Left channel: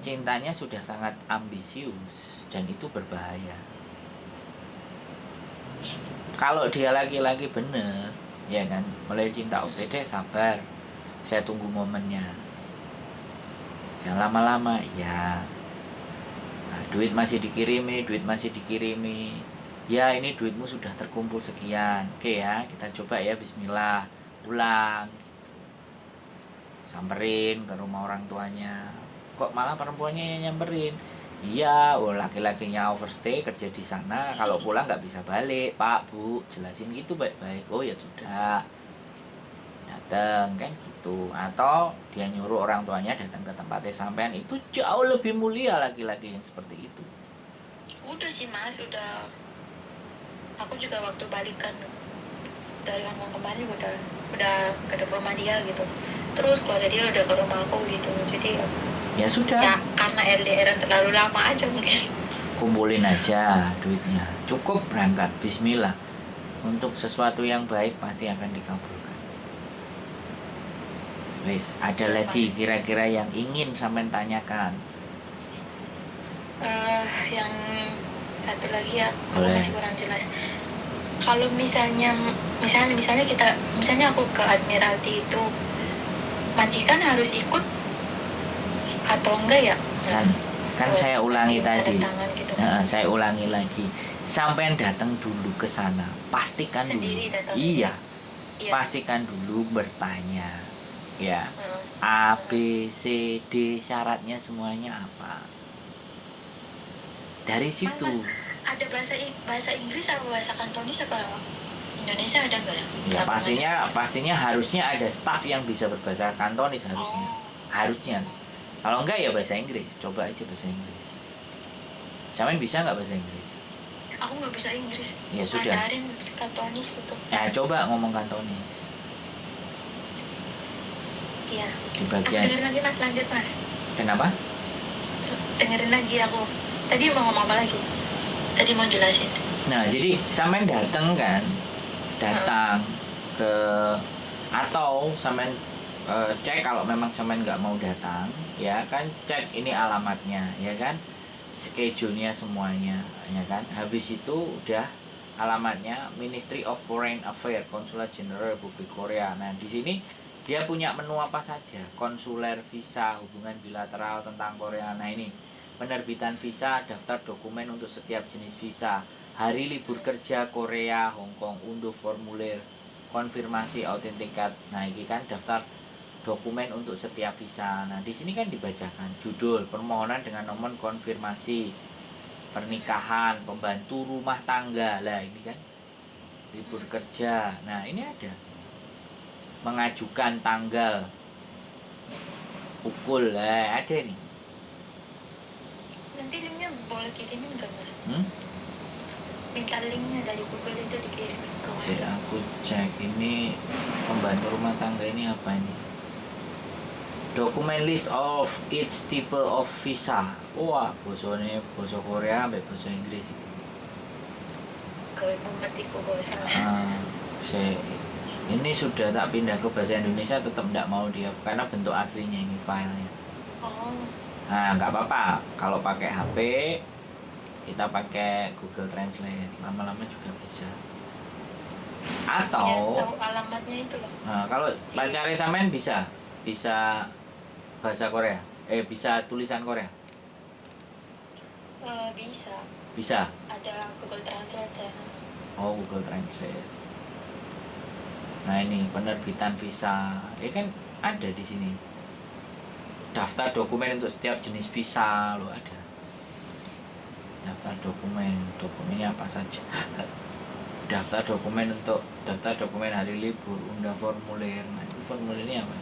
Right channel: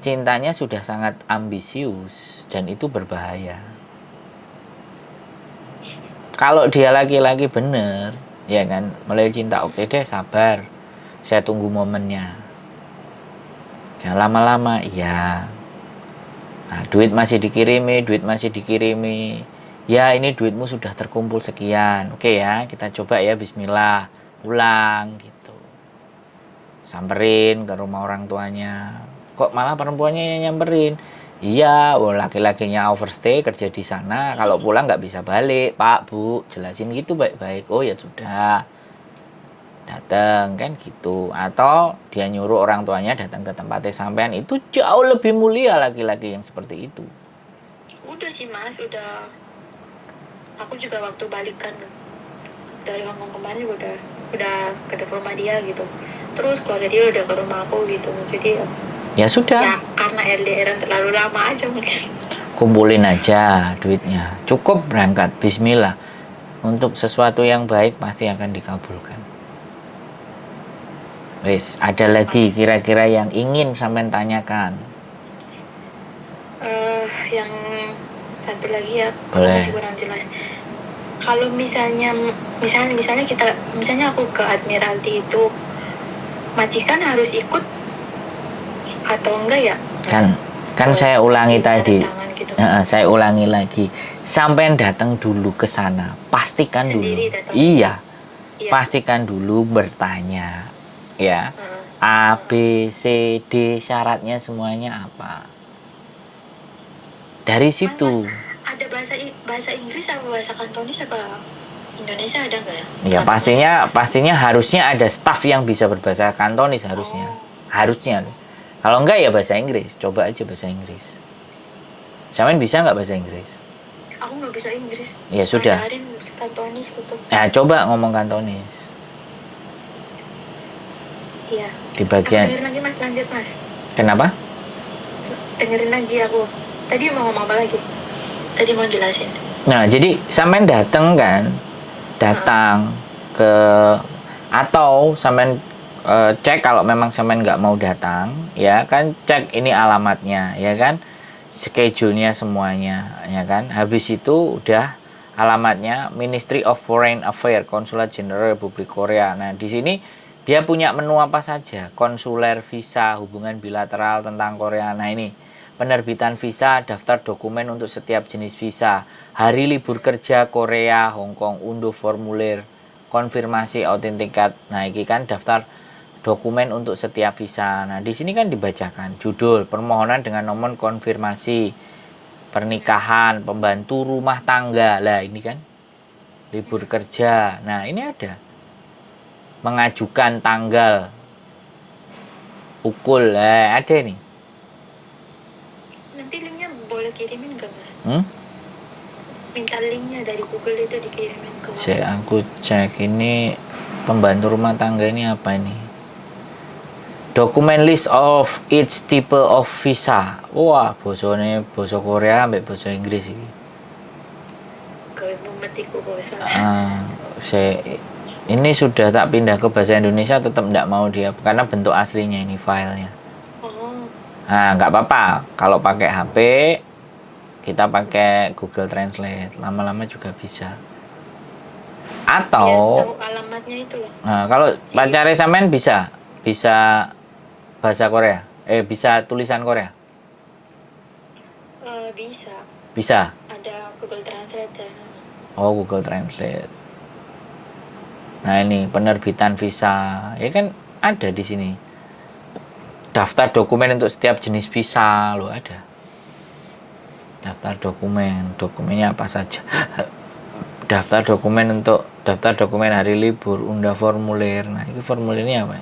cintanya sudah sangat ambisius dan itu berbahaya. Kalau dia laki-laki bener, ya kan, mulai cinta, oke deh, sabar, saya tunggu momennya. Jangan lama-lama, iya. Nah, duit masih dikirimi. Ya, ini duitmu sudah terkumpul sekian. Oke ya, kita coba ya, bismillah, pulang gitu. Samperin ke rumah orang tuanya. Kok malah perempuannya yang nyamperin? Iya, laki-lakinya overstay kerja di sana. Kalau pulang nggak bisa balik, Pak, Bu. Jelasin gitu baik-baik. Oh ya sudah, datang kan gitu. Atau dia nyuruh orang tuanya datang ke tempatnya sampean, itu jauh lebih mulia laki-laki yang seperti itu. Udah sih Mas, udah. Aku juga waktu balikan dari Hongkong kemarin udah ke rumah dia gitu. Terus keluarga dia udah ke rumah aku gitu. Jadi Ya sudah. Ya karena LDRan terlalu lama aja mungkin. Kumpulin aja duitnya. Cukup berangkat, bismillah. Untuk sesuatu yang baik pasti akan dikabulkan. Wes, ada lagi kira-kira yang ingin sampean tanyakan? Yang satu lagi ya, Boleh. masih kurang jelas. Kalau misalnya aku ke Admiralty itu, majikan harus ikut atau enggak ya? Kan saya ulangi tadi. Gitu. Saya ulangi lagi. Sampean datang dulu ke sana, pastikan Sendiri dulu. datang. Iya. Pastikan dulu bertanya. Ya. A, B, C, D syaratnya semuanya apa? Dari situ. Ada bahasa Inggris apa bahasa Kantonis apa Indonesia ada nggak ya? Ya pastinya harusnya ada staff yang bisa berbahasa Kantonis harusnya. Harusnya. Kalau enggak ya bahasa Inggris. Coba aja bahasa Inggris. Sampean bisa nggak bahasa Inggris? Aku nggak bisa Inggris. Ya sudah. Mandarin, Kantonis gitu. Ya coba ngomong Kantonis. Iya. Di bagian. Dengerin lagi Mas, lanjut Mas. Kenapa? Dengerin lagi aku. Tadi mau ngomong apa lagi? Tadi mau jelasin. Nah, jadi sampean datang kan? Datang ke atau sampean cek kalau memang sampean nggak mau datang, ya kan, cek ini alamatnya, ya kan, schedule-nya semuanya, ya kan. Habis itu udah alamatnya Ministry of Foreign Affairs, Konsulat Jenderal Republik Korea. Nah, di sini dia punya menu apa saja, konsuler, visa, hubungan bilateral tentang Korea. Nah, ini penerbitan visa, daftar dokumen untuk setiap jenis visa, hari libur kerja Korea, Hong Kong, unduh formulir, konfirmasi autentikat. Nah, ini kan daftar dokumen untuk setiap visa. Nah, di sini kan dibacakan judul permohonan dengan nomor konfirmasi, pernikahan, pembantu rumah tangga. Lah, ini kan libur kerja. Nah, ini ada mengajukan tanggal, pukul. Ada nih. Nanti linknya boleh kirimin nggak Mas? Minta linknya dari Google itu dikirimin ke aku cek ini pembantu rumah tangga ini apa ini? Dokumen list of each type of visa. Wah, bosone basa Korea ambek basa Inggris iki. Kowe memetiku bosan. Ini sudah tak pindah ke bahasa Indonesia, tetap tidak mau dia karena bentuk aslinya ini filenya. Nah, nggak apa-apa kalau pakai HP, kita pakai Google Translate, lama-lama juga bisa. Atau tahu alamatnya itu loh. Nah, kalau pacarnya sampean bisa bahasa Korea, bisa tulisan Korea. Bisa. Bisa. Ada Google Translate ya. Oh, Google Translate. Nah, ini penerbitan visa, ya kan ada di sini. Daftar dokumen untuk setiap jenis visa lo ada. Daftar dokumennya apa saja. Daftar dokumen hari libur, unduh formulir. Nah, itu formulirnya apa?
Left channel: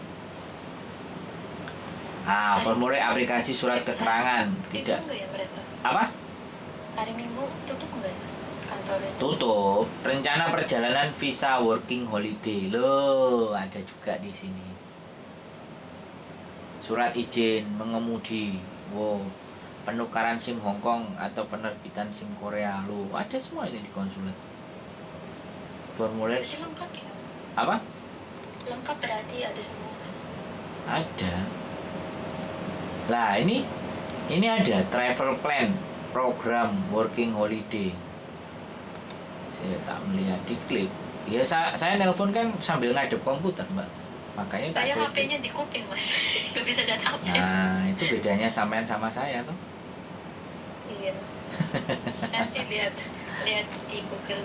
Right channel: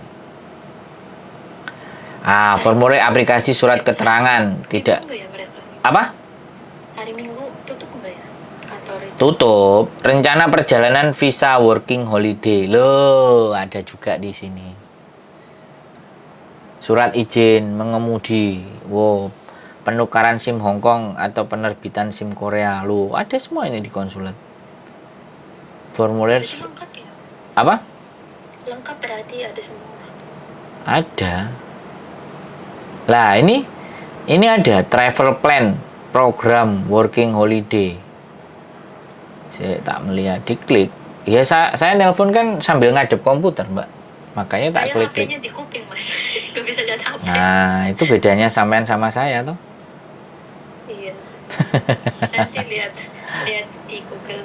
Formulir aplikasi surat keterangan tidak. Apa? Hari Minggu tutup enggak ya kantor itu? Tutup. Rencana perjalanan visa working holiday. Loh, ada juga di sini. Surat izin mengemudi. Wow. Penukaran SIM Hong Kong atau penerbitan SIM Korea. Loh, ada semua ini di konsulat. Formulir. Lengkap ya? Apa? Lengkap berarti ada semua. Ada. Lah, ini Ini ada travel plan, program working holiday. Saya tak melihat, diklik. Ya saya nelpon kan sambil ngadep komputer, Mbak. Makanya tak Saya klik-klik. HP-nya di kuping, Mas. Nggak bisa lihat HP. Nah, itu bedanya sampean sama saya tuh. Iya. Nanti lihat lihat di Google.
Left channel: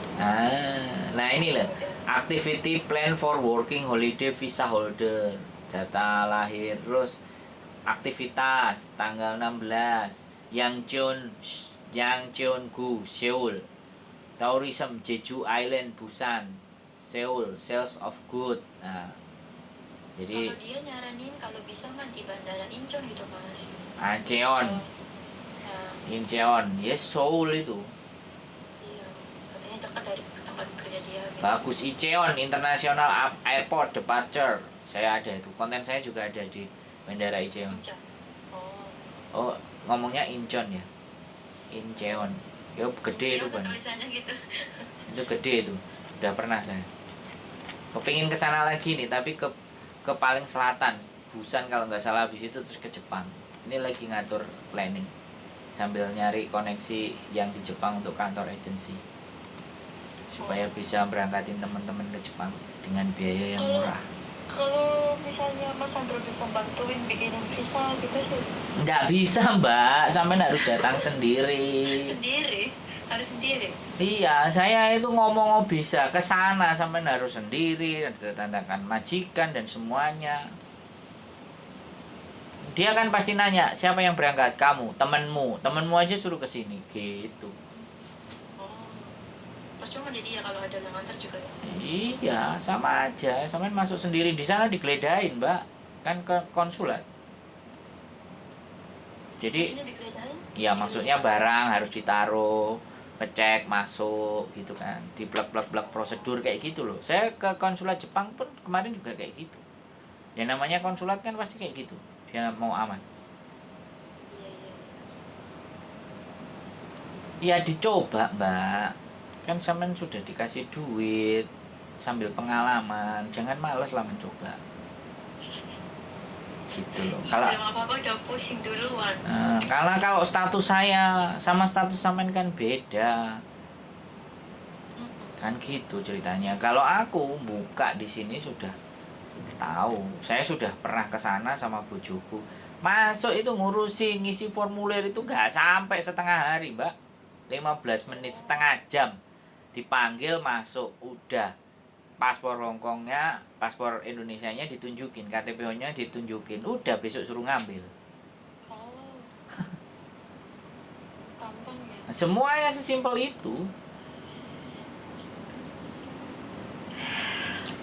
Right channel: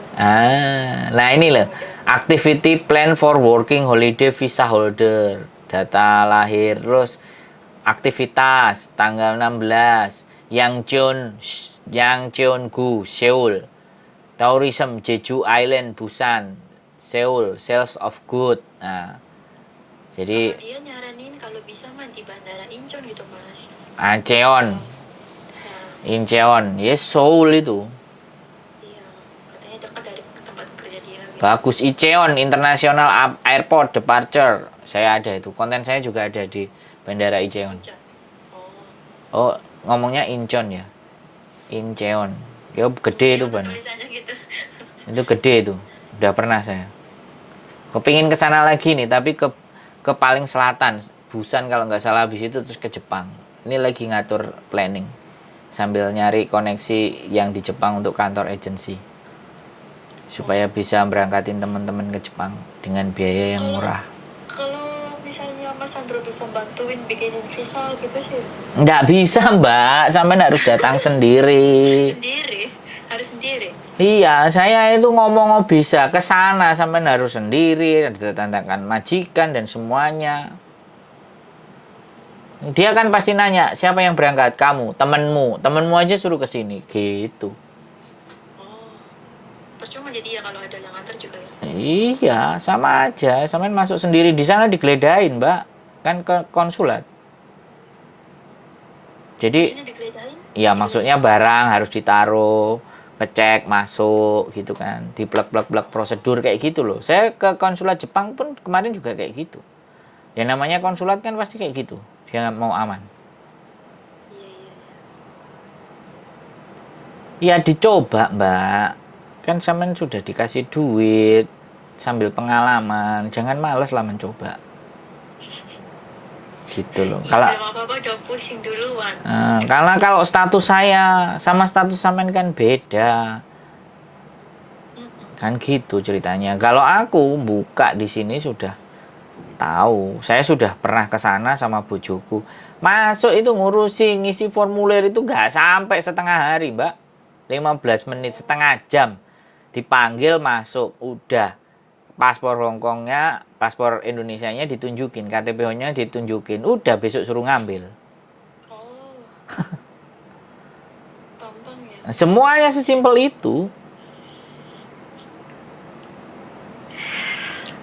Nah ini loh. Activity plan for working holiday visa holder. Data lahir, terus aktivitas tanggal 16 Yangcheongu, Seoul. Tourism Jeju Island, Busan, Seoul, sales of good. Nah, jadi Kalau dia nyaranin kalau bisa mah di Bandara Incheon gitu, Mas. Incheon, Nah, Incheon, yes Seoul itu. iya. Katanya dekat dari tempat kerja dia gitu. Bagus, Incheon International Airport Departure. Saya ada itu. Konten saya juga ada di Bandara Incheon. Incheon. Oh, Oh. ngomongnya Incheon ya. Incheon. Ya gede itu, Incheon Ban. tulisannya gitu. Itu gede itu. Udah pernah saya. Kepingin ke sana lagi nih, tapi ke paling selatan, Busan kalau nggak salah, habis itu terus ke Jepang. Ini lagi ngatur planning sambil nyari koneksi yang di Jepang untuk kantor agensi supaya bisa berangkatin teman-teman ke Jepang dengan biaya yang murah. Kalau misalnya Mas Sandro bisa bantuin bikinin visa gitu sih. Nggak bisa, Mbak, sampean harus datang sendiri. Sendiri, harus sendiri. Iya, saya itu ngomong bisa ke sana, sampean harus sendiri, ada tantangan majikan dan semuanya. Dia kan pasti nanya, siapa yang berangkat? Kamu, temenmu aja suruh ke sini, gitu. Oh, percuma jadi ya kalau ada yang antar juga ya. Iya, sama aja. Sampean masuk sendiri di sana digeledahin, Mbak. Kan ke konsulat. Jadi, Maksudnya digeledahin? ya maksudnya barang harus ditaruh, ngecek masuk gitu kan, di plek-plek prosedur kayak gitu loh. Saya ke konsulat Jepang pun kemarin juga kayak gitu. Ya namanya konsulat kan pasti kayak gitu. Dia mau aman. Iya, iya, iya. Ya dicoba, Mbak. Kan sampean sudah dikasih duit sambil pengalaman, jangan males lah mencoba. Gitu loh. Iya, Kalau belum apa-apa udah pusing duluan. karena kalau status saya sama status sampean kan beda. Mm-mm. Kan gitu ceritanya. Kalau aku buka di sini sudah tahu. Saya sudah pernah ke sana sama bojoku. Masuk itu ngurusi ngisi formulir itu nggak sampai setengah hari, Mbak. 15 menit, setengah jam. Dipanggil masuk, udah. Paspor Hongkongnya, paspor Indonesianya ditunjukin, KTP-nya ditunjukin. Udah besok suruh ngambil. Oh, gampang ya. Semuanya sesimpel itu.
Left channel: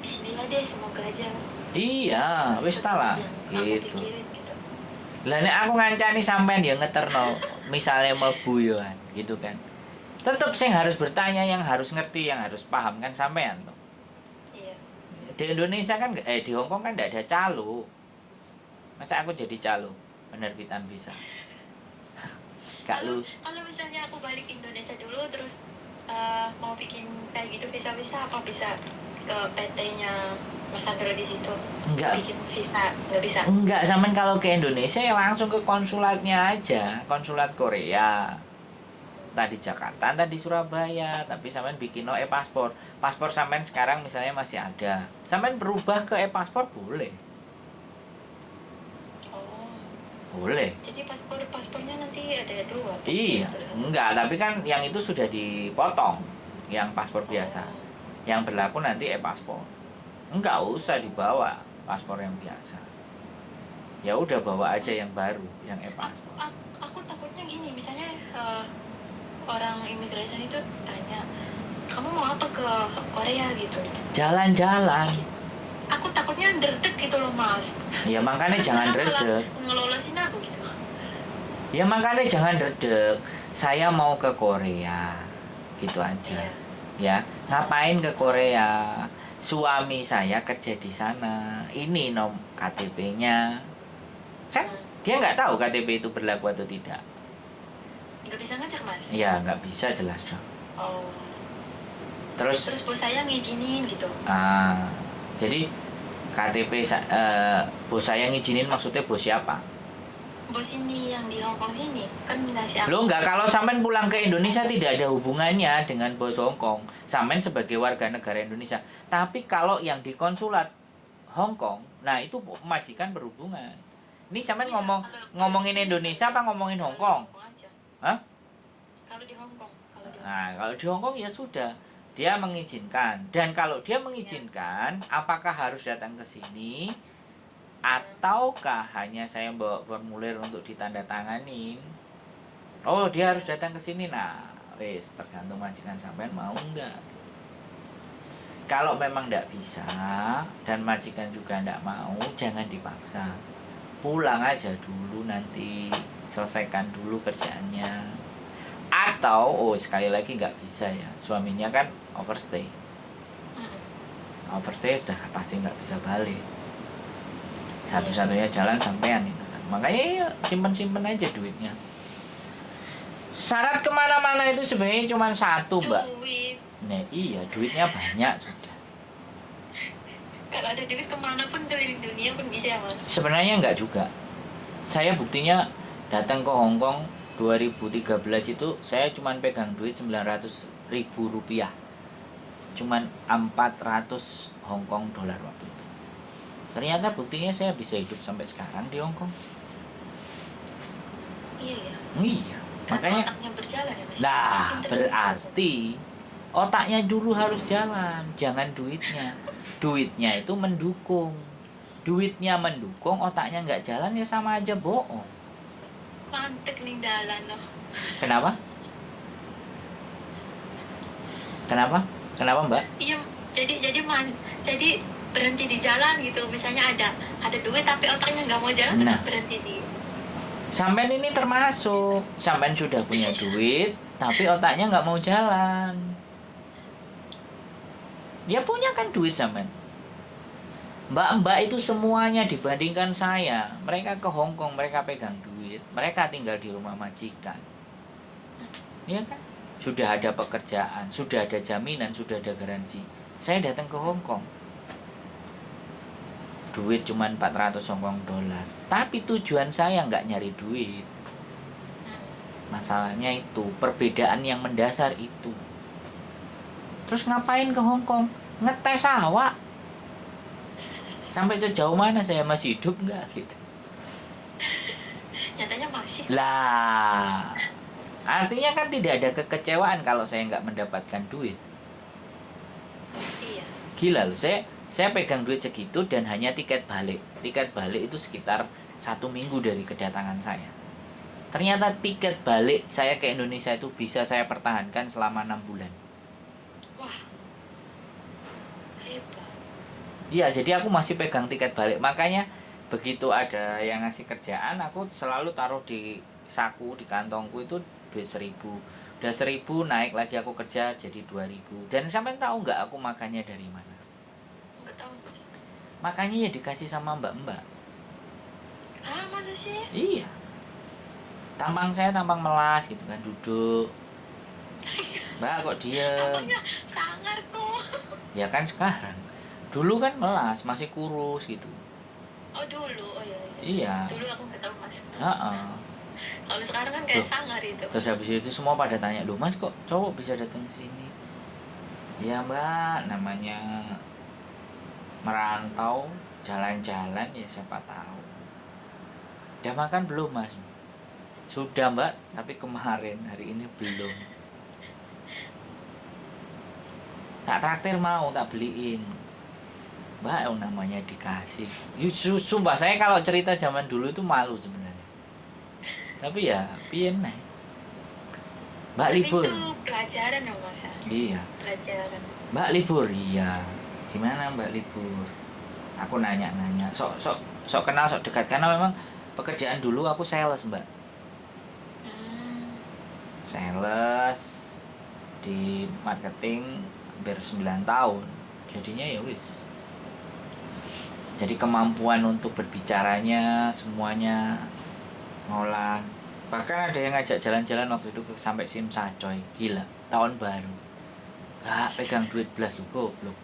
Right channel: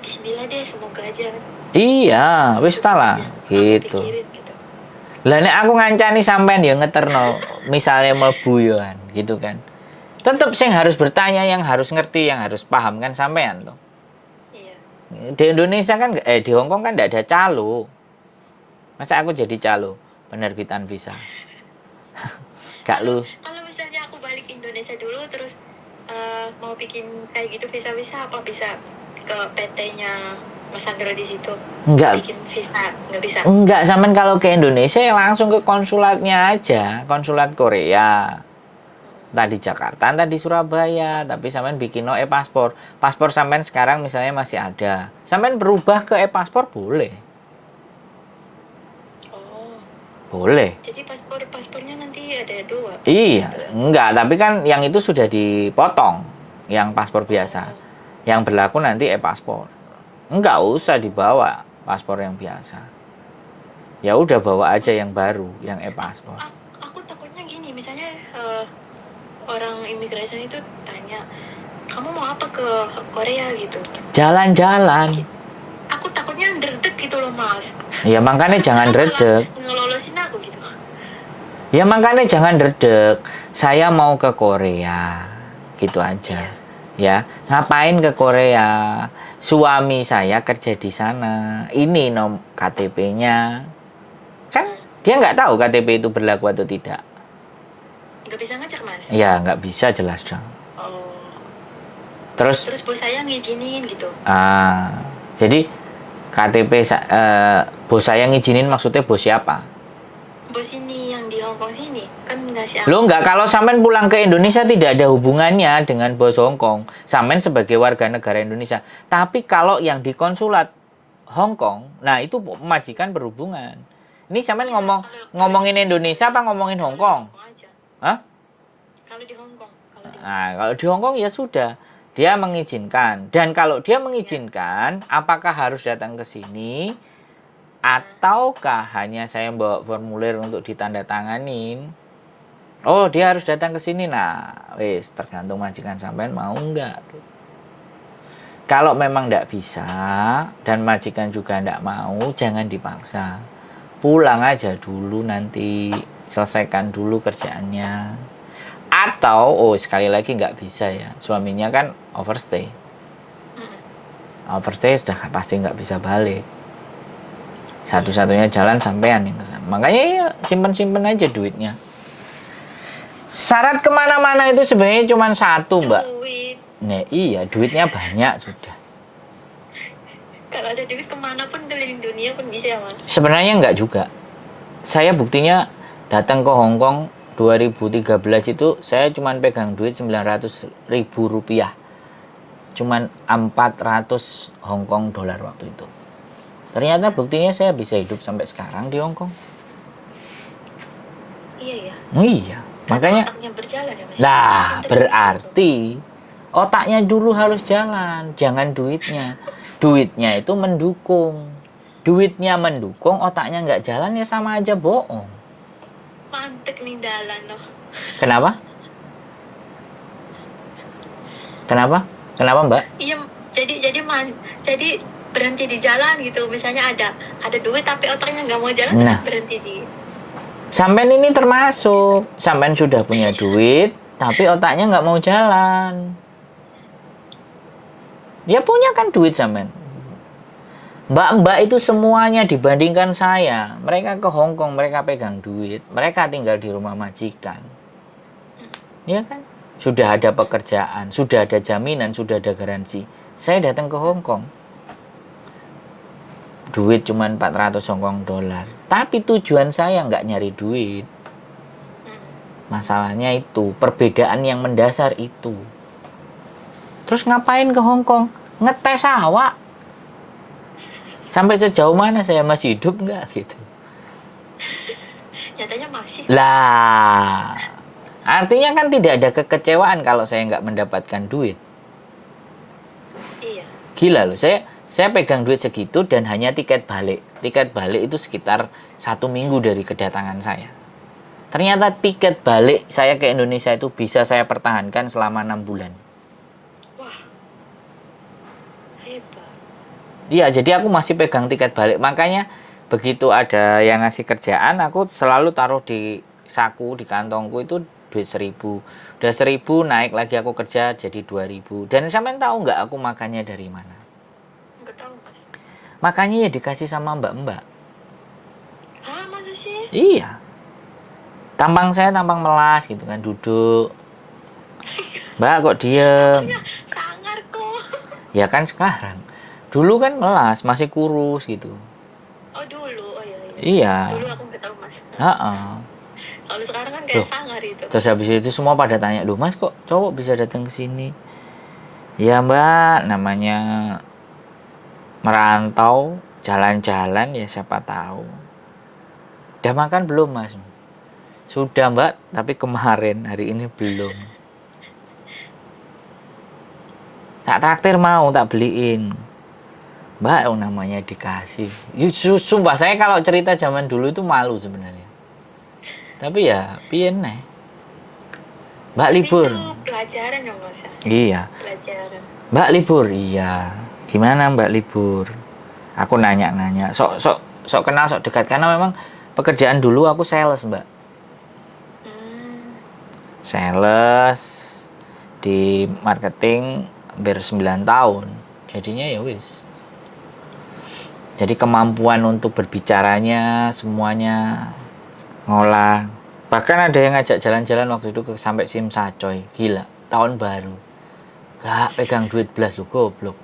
Bismillah deh, semoga aja. Iya, wis ta lah, Yang aku gitu. pikirin gitu. Lah nek aku ngancani sampean ya ngeterno, misalnya mlebu yo kan, gitu kan. Tetep sing harus bertanya, yang harus ngerti, yang harus paham kan sampean tuh. Iya. Di Indonesia kan di Hong Kong kan enggak ada calo. Masa aku jadi calo penerbitan visa? Gak lu. Kalau misalnya aku balik Indonesia dulu terus mau bikin kayak gitu visa-visa, apa bisa ke PT-nya Mas Sandro di situ? Enggak. Bikin visa, nggak bisa. Enggak, sampean kalau ke Indonesia ya langsung ke konsulatnya aja, konsulat Korea. Entah di Jakarta, entah di Surabaya, tapi sampean bikin no e-paspor. Paspor sampean sekarang misalnya masih ada. Sampean berubah ke e-paspor boleh. Oh, Boleh. jadi paspornya nanti ada dua. Iya, enggak, tapi kan yang itu sudah dipotong. Yang paspor biasa. Oh. Yang berlaku nanti e-paspor. Enggak usah dibawa paspor yang biasa. Ya udah bawa aja yang baru, yang e-paspor. Aku takutnya gini, misalnya orang imigrasi itu tanya, kamu mau apa ke Korea gitu? Jalan-jalan. Aku takutnya ndredeg gitu loh, Mas. Ya makanya jangan redek. Ngelolosin aku gitu. Ya makanya jangan redek. Saya mau ke Korea. Gitu aja. Ya, ngapain ke Korea? Suami saya kerja di sana. Ini KTP-nya. Kan dia nggak tahu KTP itu berlaku atau tidak. Nggak bisa ngajak, Mas? Ya, nggak bisa jelas dong. Oh. Terus bos saya ngizinin gitu. Jadi KTP bos saya ngizinin maksudnya bos siapa? bos ini yang di Hong Kong sini kan ngasih Lo nggak, kalau sampean pulang ke Indonesia tidak ada hubungannya dengan bos Hong Kong. Sampean sebagai warga negara Indonesia. Tapi kalau yang di konsulat Hong Kong, nah itu majikan berhubungan. Ini sampean Iya, ngomongin Indonesia apa ngomongin Hong Kong? aja. Hah? Kalau di Hong Kong, Nah, kalau di Hong Kong ya sudah, dia mengizinkan. Dan kalau dia mengizinkan, apakah harus datang ke sini ataukah hanya saya bawa formulir untuk ditandatanganin? Oh, dia harus datang ke sini. Nah, wis tergantung majikan sampean mau enggak. Kalau memang enggak bisa dan majikan juga enggak mau, jangan dipaksa. Pulang aja dulu, nanti selesaikan dulu kerjaannya. Atau, oh sekali lagi nggak bisa ya, suaminya kan overstay. Overstay sudah pasti nggak bisa balik. Satu-satunya jalan sampean yang kesana. Makanya ya simpen-simpen aja duitnya. Syarat kemana-mana itu sebenarnya cuma satu, Mbak. Duit. Nah, iya, duitnya banyak sudah. Kalau ada duit kemana pun keliling dunia pun bisa, Mas. Sebenarnya nggak juga. Saya buktinya datang ke Hong Kong 2013 itu saya cuma pegang duit 900.000 rupiah. Cuman 400 Hong Kong dolar waktu itu. Ternyata buktinya saya bisa hidup sampai sekarang di Hong Kong. Iya ya. Iya, makanya otaknya berjalan ya, Mas. lah berarti otaknya dulu harus jalan, jangan duitnya. Duitnya itu mendukung. Duitnya mendukung, otaknya nggak jalan ya sama aja bohong. Mantek nih dalan loh. Kenapa? Kenapa? Kenapa, Mbak? Iya, jadi berhenti di jalan gitu. Misalnya ada duit tapi otaknya nggak mau jalan, Nah. tetap berhenti di. Sampean ini termasuk. Sampean sudah punya duit, tapi otaknya nggak mau jalan. Ya punya kan duit sampean. Mbak-mbak itu semuanya dibandingkan saya. Mereka ke Hong Kong, mereka pegang duit. Mereka tinggal di rumah majikan. Ya kan? Sudah ada pekerjaan, sudah ada jaminan, sudah ada garansi. Saya datang ke Hong Kong. Duit cuma 400 Hong Kong dolar. Tapi tujuan saya nggak nyari duit. Masalahnya itu, perbedaan yang mendasar itu. Terus ngapain ke Hong Kong? Ngetes awak. Sampai sejauh mana saya masih hidup nggak gitu. Nyatanya masih. Lah, artinya kan tidak ada kekecewaan kalau saya nggak mendapatkan duit. Iya. Gila loh, saya pegang duit segitu dan hanya tiket balik. Tiket balik itu sekitar 1 minggu dari kedatangan saya. Ternyata tiket balik saya ke Indonesia itu bisa saya pertahankan selama 6 bulan. Wah. Hebat. Iya, jadi aku masih pegang tiket balik. Makanya begitu ada yang ngasih kerjaan, aku selalu taruh di saku, di kantongku itu duit 1.000. Udah 1.000 naik lagi aku kerja jadi 2.000. Dan sampean tahu nggak aku makannya dari mana? Nggak tahu, Mas. Makanya ya dikasih sama mbak-mbak. Hah, masa sih? Iya. Tampang saya tampang melas gitu kan, duduk. Mbak kok diem? Sangar kok. Ya kan sekarang. Dulu kan melas, masih kurus gitu. Oh dulu, oh iya. Iya. Dulu aku nggak tahu, Mas. Heeh. Kalau sekarang kan kayak Loh. sangar itu. Terus habis itu semua pada tanya, "Loh Mas kok cowok bisa datang ke sini?" Ya Mbak, namanya merantau, jalan-jalan ya siapa tahu. Udah makan belum Mas? Sudah Mbak, tapi kemarin, hari ini belum. Tak traktir mau, tak beliin. Mbak, oh namanya dikasih. Sumpah saya kalau cerita zaman dulu itu malu sebenarnya. Tapi ya, piye neh. Mbak Tapi libur. itu pelajaran ya, Mas. Iya. Pelajaran. Mbak libur, iya. Gimana Mbak libur? Aku nanya-nanya. Sok kenal, sok dekat. Karena memang pekerjaan dulu aku sales, Mbak. Sales di marketing hampir 9 tahun. Jadinya ya wis. Jadi kemampuan untuk berbicaranya semuanya ngolah. Bahkan ada yang ngajak jalan-jalan waktu itu sampai Simsacoy. Gila, tahun baru. Gak pegang duit belas lu goblok.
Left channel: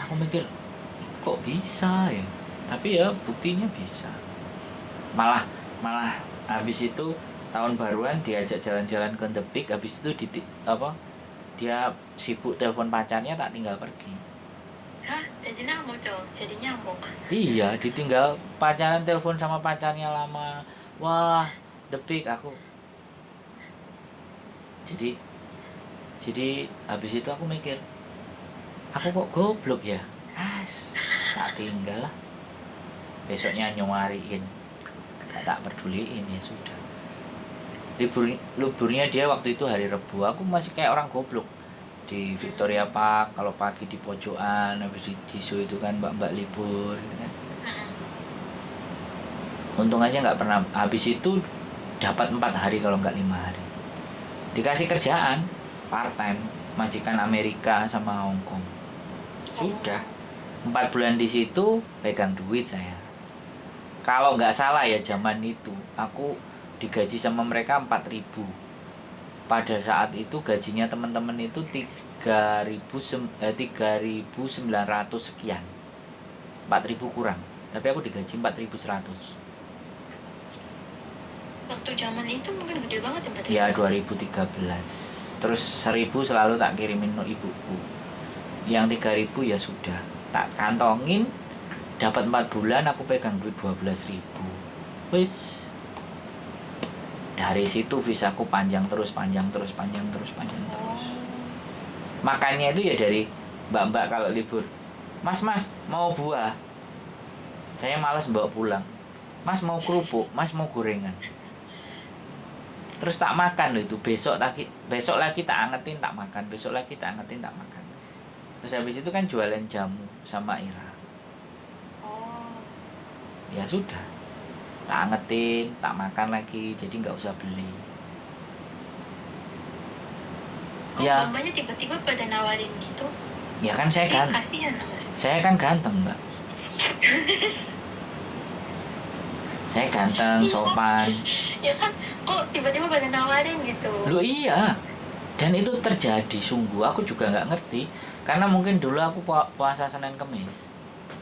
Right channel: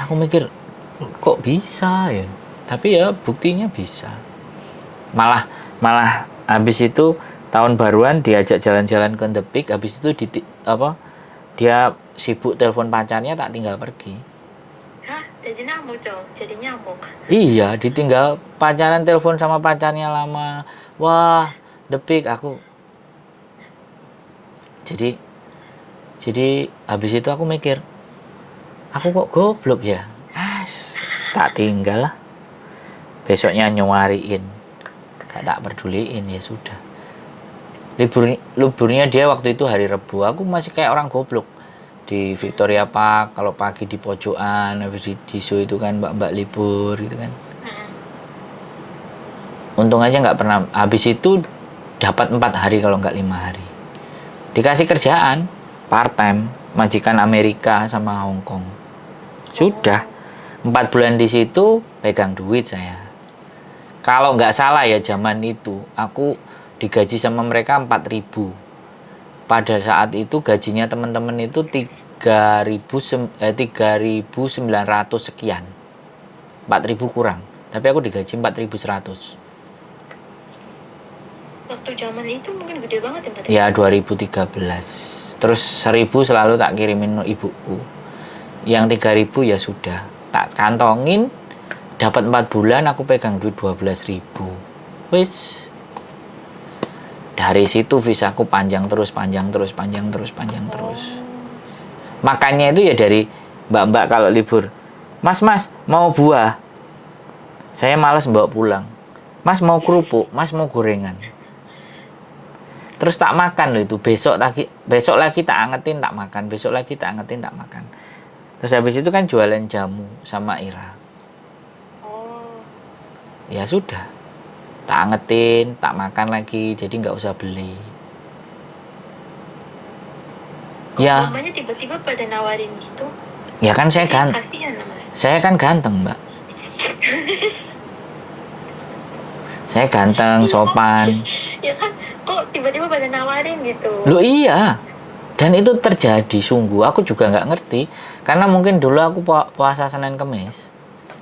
Aku mikir kok bisa ya? Tapi ya buktinya bisa. Malah malah habis itu tahun baruan diajak jalan-jalan ke The Peak, habis itu dia sibuk telepon pacarnya, tak tinggal pergi. Hah? Jadi nyamuk dong, jadi nyamuk. Iya, ditinggal pacaran, telepon sama pacarnya lama. Wah, The Peak aku. Jadi habis itu aku mikir, aku kok goblok ya. Tak tinggal lah. Besoknya nyuariin. Gak tak peduliin, ya sudah. Liburnya dia waktu itu hari Rabu. Aku masih kayak orang goblok. Di Victoria Park, kalau pagi di pojokan, habis di zoo itu kan mbak-mbak libur gitu kan. Untung aja nggak pernah, habis itu dapat 4 hari kalau nggak 5 hari. Dikasih kerjaan part time, majikan Amerika sama Hong Kong. Sudah 4 bulan di situ pegang duit saya. Kalau nggak salah ya zaman itu aku digaji sama mereka 4.000. Pada saat itu gajinya teman-teman itu 3.900 sekian. 4.000 kurang. Tapi aku digaji 4.100. Waktu zaman itu mungkin gede banget Ya ya, 2013. Terus 1.000 selalu tak kirimin ibuku. Yang 3.000 ya sudah. Tak kantongin, dapat 4 bulan aku pegang duit 12.000. Wis. Dari situ visaku panjang terus. Makannya itu ya dari mbak-mbak kalau libur. Mas, mau buah? Saya malas bawa pulang. Mas mau kerupuk, Mas mau gorengan. Terus tak makan loh itu. Besok lagi tak angetin, tak makan. Besok lagi tak angetin, tak makan. Terus habis itu kan jualan jamu sama Ira. Ya sudah. Tak angetin, tak makan lagi. Jadi nggak usah beli. Ya. Mamanya tiba-tiba pada nawarin gitu. Ya kan saya ganteng. Kasihan lah, Mas. Saya kan ganteng, Mbak. Saya ganteng, sopan. Ya kan, kok tiba-tiba pada nawarin gitu. Loh iya. Dan itu terjadi sungguh. Aku juga nggak ngerti. Karena mungkin dulu aku puasa Senin Kemis.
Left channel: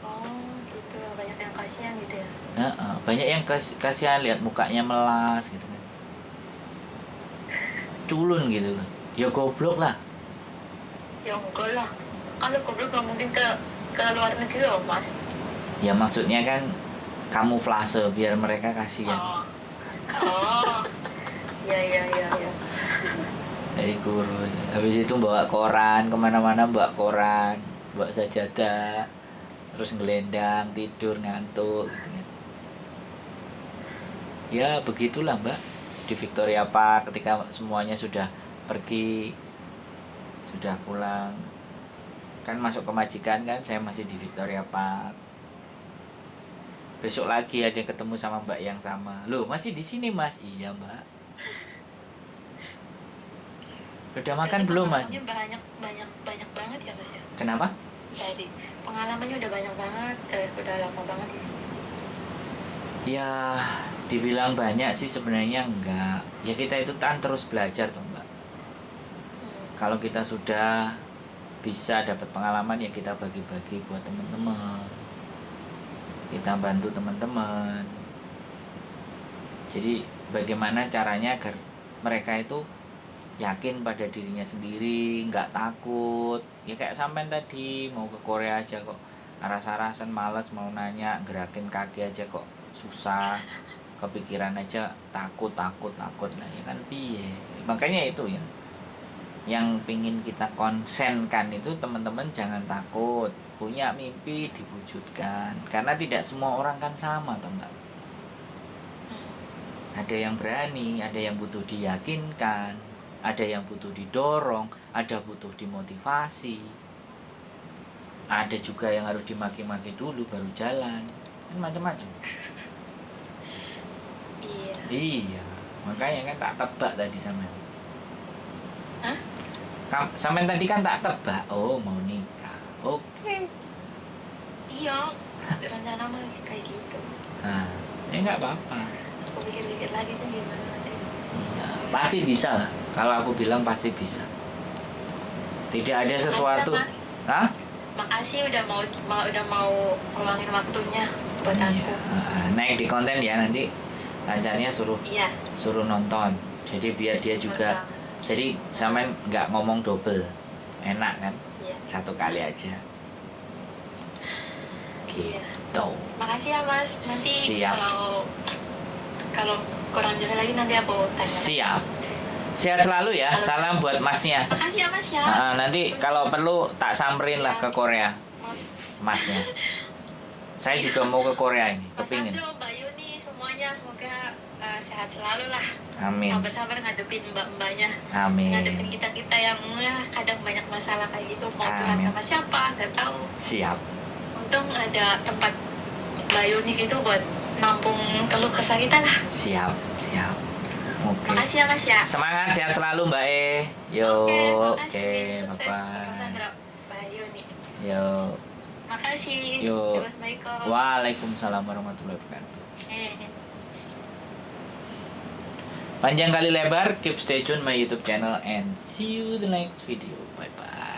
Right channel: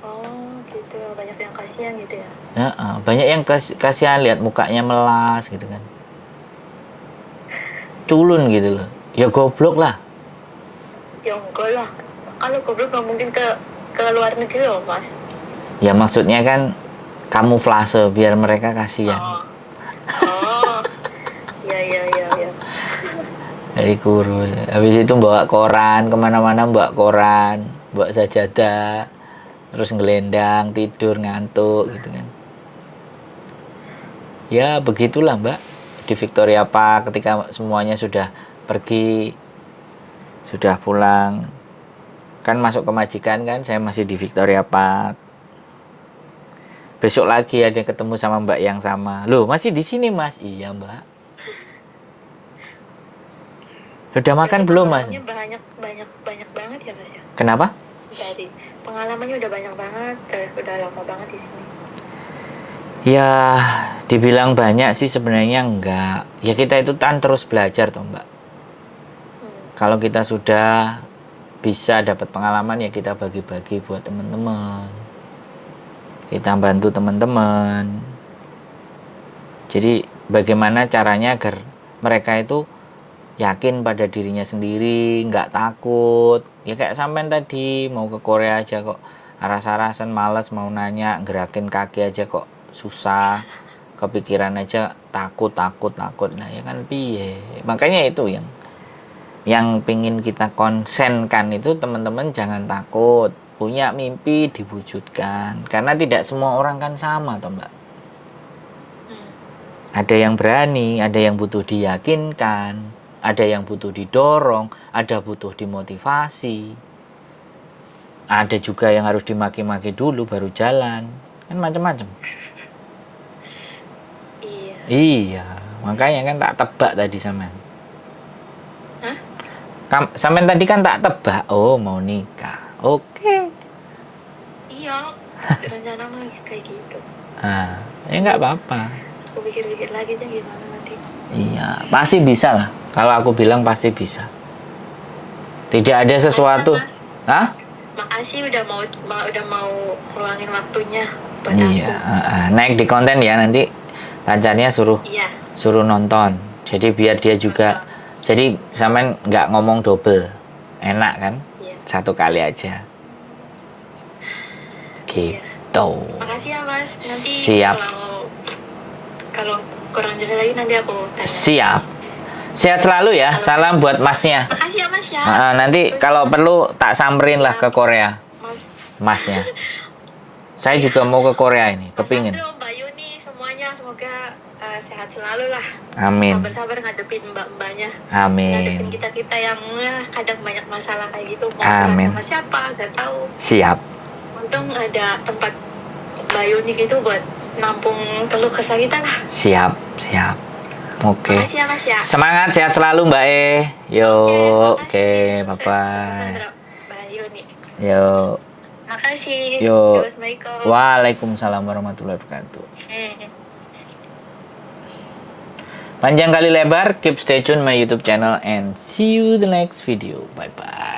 Oh gitu, banyak yang kasihan gitu ya. Ya, banyak yang kasihan lihat mukanya melas gitu kan. Culun gitu loh. Ya goblok lah. Ya enggak lah. Kalau goblok nggak mungkin ke luar negeri loh, Mas. Ya maksudnya kan kamuflase biar mereka kasihan. Oh. Ya. Dari kurus. Habis itu bawa koran kemana-mana, bawa koran, bawa sajadah, terus ngelendang, tidur, ngantuk gitu kan. Ya begitulah Mbak. Di Victoria Park ketika semuanya sudah pergi, sudah pulang, kan masuk ke majikan kan, saya masih di Victoria Park. Besok lagi ada ketemu sama Mbak yang sama. Loh, masih di sini Mas? Iya Mbak. Sudah makan belum Mas? Pengalamannya banyak banget ya Mas ya. Kenapa? Dari pengalamannya udah banyak banget, udah lama banget di sini. Ya, dibilang banyak sih sebenarnya enggak. Ya kita itu kan terus belajar toh Mbak. Kalau kita sudah bisa dapat pengalaman ya kita bagi-bagi buat teman-teman. Kita bantu teman-teman. Jadi bagaimana caranya agar mereka itu yakin pada dirinya sendiri, nggak takut. Ya kayak sampean tadi mau ke Korea aja kok aras-arasan, males mau nanya, gerakin kaki aja kok susah, kepikiran aja takut. Nah ya kan piye. Makanya itu yang pingin kita konsenkan itu teman-teman jangan takut. Punya mimpi diwujudkan. Karena tidak semua orang kan sama toh Mbak. Ada yang berani, ada yang butuh diyakinkan, ada yang butuh didorong, ada butuh dimotivasi. Ada juga yang harus dimaki-maki dulu baru jalan. Kan macam-macam. Iya, makanya kan tak tebak tadi sampean. Hah? Sampean tadi kan tak tebak, oh mau nikah. Oke. Iya, rencana mah kayak gitu. Ya nggak apa-apa. Aku pikir-pikir lagi deh gimana nanti. Iya, pasti bisa lah. Kalau aku bilang pasti bisa. Tidak ada sesuatu. Makasih udah mau luangin waktunya. buat Iya, aku. naik di konten ya nanti pacarnya suruh Iya, suruh nonton. Jadi biar dia juga, nonton. jadi sampean nggak ngomong double, enak kan? Iya. Satu kali aja. Iya. Gitu. Makasih ya Mas. Nanti Siap. kalau kurang jelas lagi nanti aku tanya. Siap. Sehat selalu ya. Halo. Salam buat masnya. Makasih ya Mas ya. Nanti kalau perlu tak samperin lah ke Korea, Mas. masnya. Saya juga mau ke Korea ini, Mas kepingin. Andro, Mbak Yuni, semuanya semoga sehat selalu lah. Amin. Sabar-sabar ngadepin mbak-mbaknya. Amin. Ngadepin kita-kita yang kadang banyak masalah kayak gitu. Mau Amin. curhat sama siapa, nggak tahu. Siap. Untung ada tempat Mbak Yuni gitu buat nampung keluh kesah kita lah. Siap. Siap. Oke. Makasih ya Mas ya. Semangat, sehat selalu Mbak E. Yo, oke, makasih. Sukses, Mas bye-bye. Andro, Mbak Yuni. Yo. Makasih. Yo. Assalamualaikum. Waalaikumsalam warahmatullahi wabarakatuh. Hmm. Panjang kali lebar, keep stay tune my YouTube channel and see you the next video. Bye bye.